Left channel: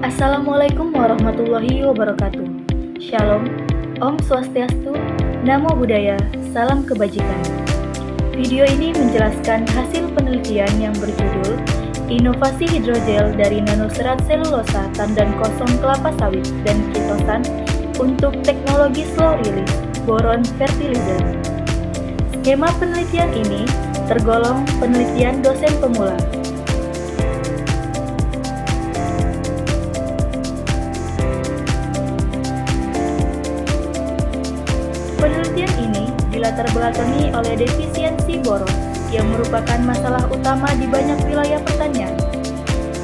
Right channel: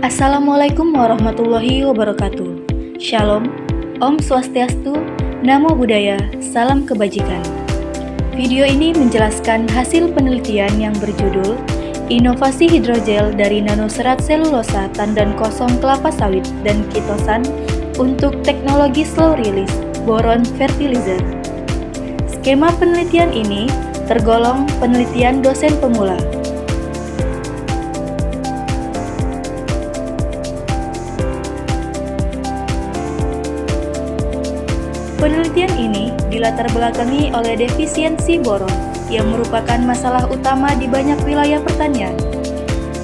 Assalamualaikum warahmatullahi wabarakatuh. Shalom, Om Swastiastu, Namo Buddhaya, Salam Kebajikan. Video ini menjelaskan hasil penelitian yang berjudul Inovasi Hidrogel dari Nanoserat Selulosa Tandan Kosong Kelapa Sawit dan Kitosan untuk Teknologi Slow Release Boron Fertilizer. Skema penelitian ini tergolong penelitian dosen pemula. Penelitian ini dilatar belakangi oleh defisiensi boron yang merupakan masalah utama di banyak wilayah pertanian.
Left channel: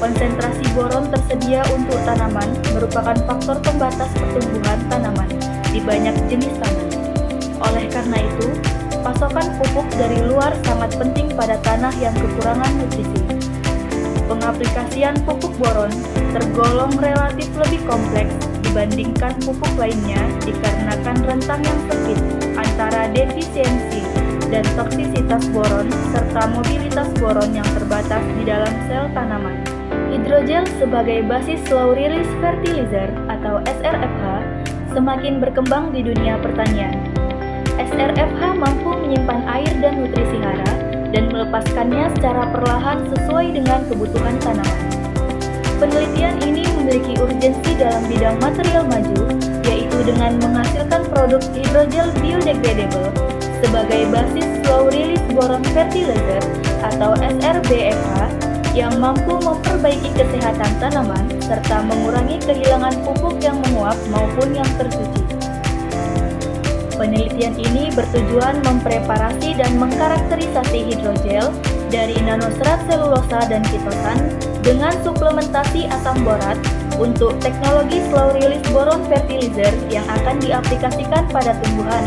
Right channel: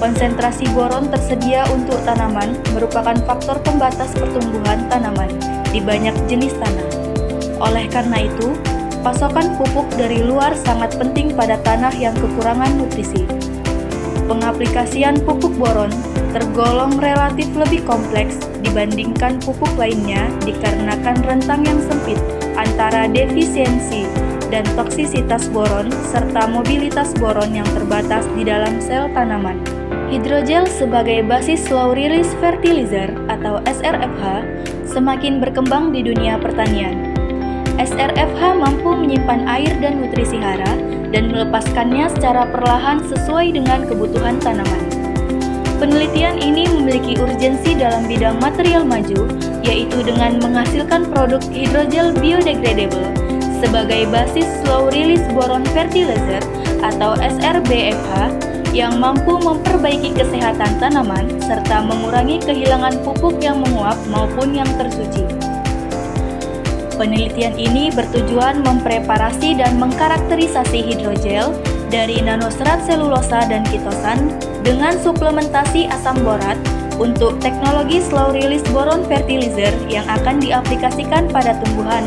Konsentrasi boron tersedia untuk tanaman merupakan faktor pembatas pertumbuhan tanaman di banyak jenis tanah. Oleh karena itu, pasokan pupuk dari luar sangat penting pada tanah yang kekurangan nutrisi. Pengaplikasian pupuk boron tergolong relatif lebih kompleks dibandingkan pupuk lainnya dikarenakan rentang yang sempit antara defisiensi dan toksisitas boron serta mobilitas boron yang terbatas di dalam sel tanaman. Hidrogel sebagai basis slow release fertilizer atau SRFH semakin berkembang di dunia pertanian. SRFH mampu menyimpan air dan nutrisi hara dan melepaskannya secara perlahan sesuai dengan kebutuhan tanaman. Penelitian ini memiliki urgensi dalam bidang material maju, yaitu dengan menghasilkan produk hidrogel biodegradable sebagai basis slow release boron fertilizer atau SRBFH yang mampu memperbaiki kesehatan tanaman serta mengurangi kehilangan pupuk yang menguap maupun yang tersuci. Penelitian ini bertujuan mempreparasi dan mengkarakterisasi hidrogel dari nanoserat selulosa dan kitosan dengan suplementasi asam borat untuk teknologi slow release boron fertilizer yang akan diaplikasikan pada tumbuhan.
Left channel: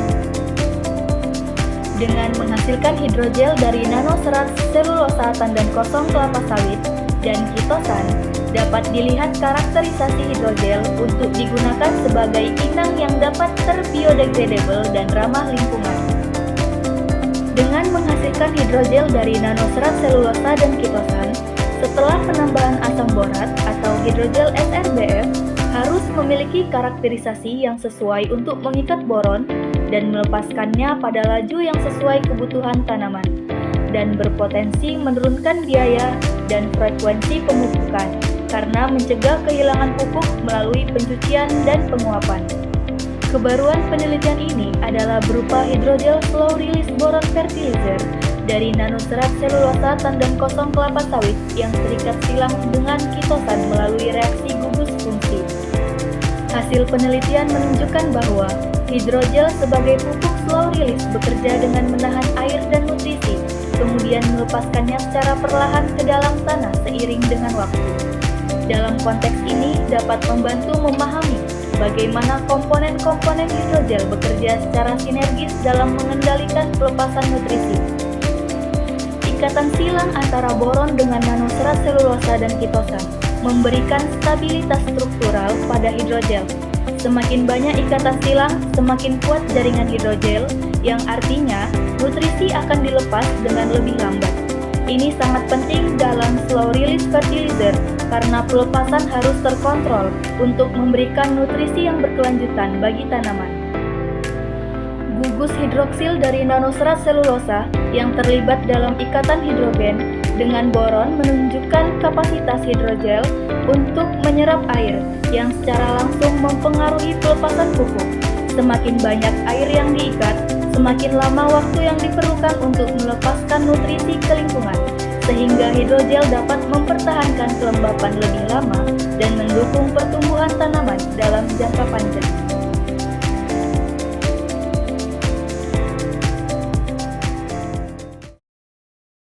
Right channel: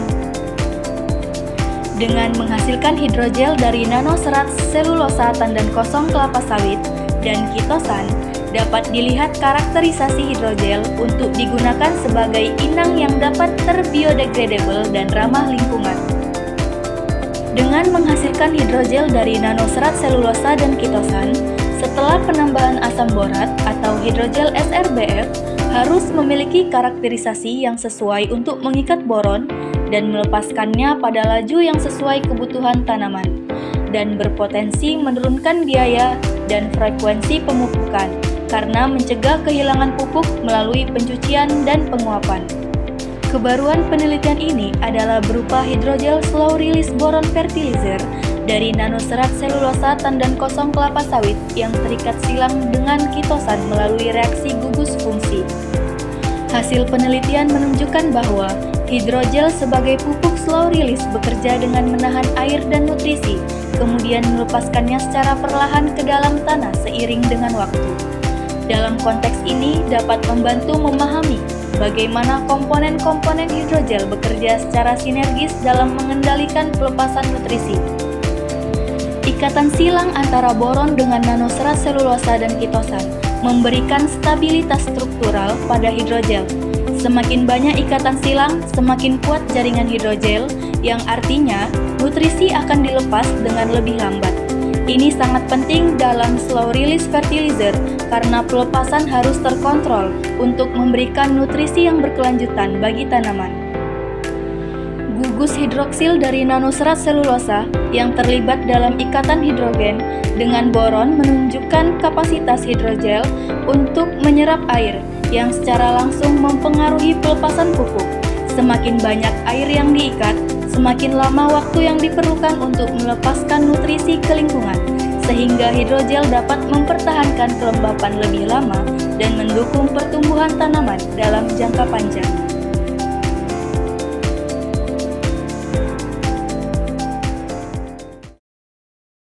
Dengan menghasilkan hidrogel dari nanoserat selulosa tandan kosong kelapa sawit dan kitosan, dapat dilihat karakterisasi hidrogel untuk digunakan sebagai inang yang dapat terbiodegradable dan ramah lingkungan. Dengan menghasilkan hidrogel dari nanoserat selulosa dan kitosan, setelah penambahan asam borat atau hidrogel SRBF harus memiliki karakterisasi yang sesuai untuk mengikat boron dan melepaskannya pada laju yang sesuai kebutuhan tanaman, dan berpotensi menurunkan biaya dan frekuensi pemupukan karena mencegah kehilangan pupuk melalui pencucian dan penguapan. Kebaruan penelitian ini adalah berupa hidrogel slow release boron fertilizer dari nanoserat selulosa tandan kosong kelapa sawit yang terikat silang dengan kitosan melalui reaksi gugus fungsi. Hasil penelitian menunjukkan bahwa hidrogel sebagai pupuk slow release bekerja dengan menahan air dan nutrisi, kemudian melepaskannya secara perlahan ke dalam tanah seiring dengan waktu. Dalam konteks ini dapat membantu memahami bagaimana komponen-komponen hidrogel bekerja secara sinergis dalam mengendalikan pelepasan nutrisi. Ikatan silang antara boron dengan nanoserat selulosa dan kitosan memberikan stabilitas struktural pada hidrogel. Semakin banyak ikatan silang, semakin kuat jaringan hidrogel, yang artinya nutrisi akan dilepas dengan lebih lambat. Ini sangat penting dalam slow release fertilizer karena pelepasan harus terkontrol untuk memberikan nutrisi yang berkelanjutan bagi tanaman. Gugus hidroksil dari nanoserat selulosa yang terlibat dalam ikatan hidrogen dengan boron menunjukkan kapasitas hidrogel untuk menyerap air yang secara langsung mempengaruhi pelepasan pupuk. Semakin banyak air yang diikat, semakin lama waktu yang diperlukan untuk melepaskan nutrisi ke lingkungan, sehingga hidrogel dapat mempertahankan kelembapan lebih lama dan mendukung pertumbuhan tanaman dalam jangka panjang.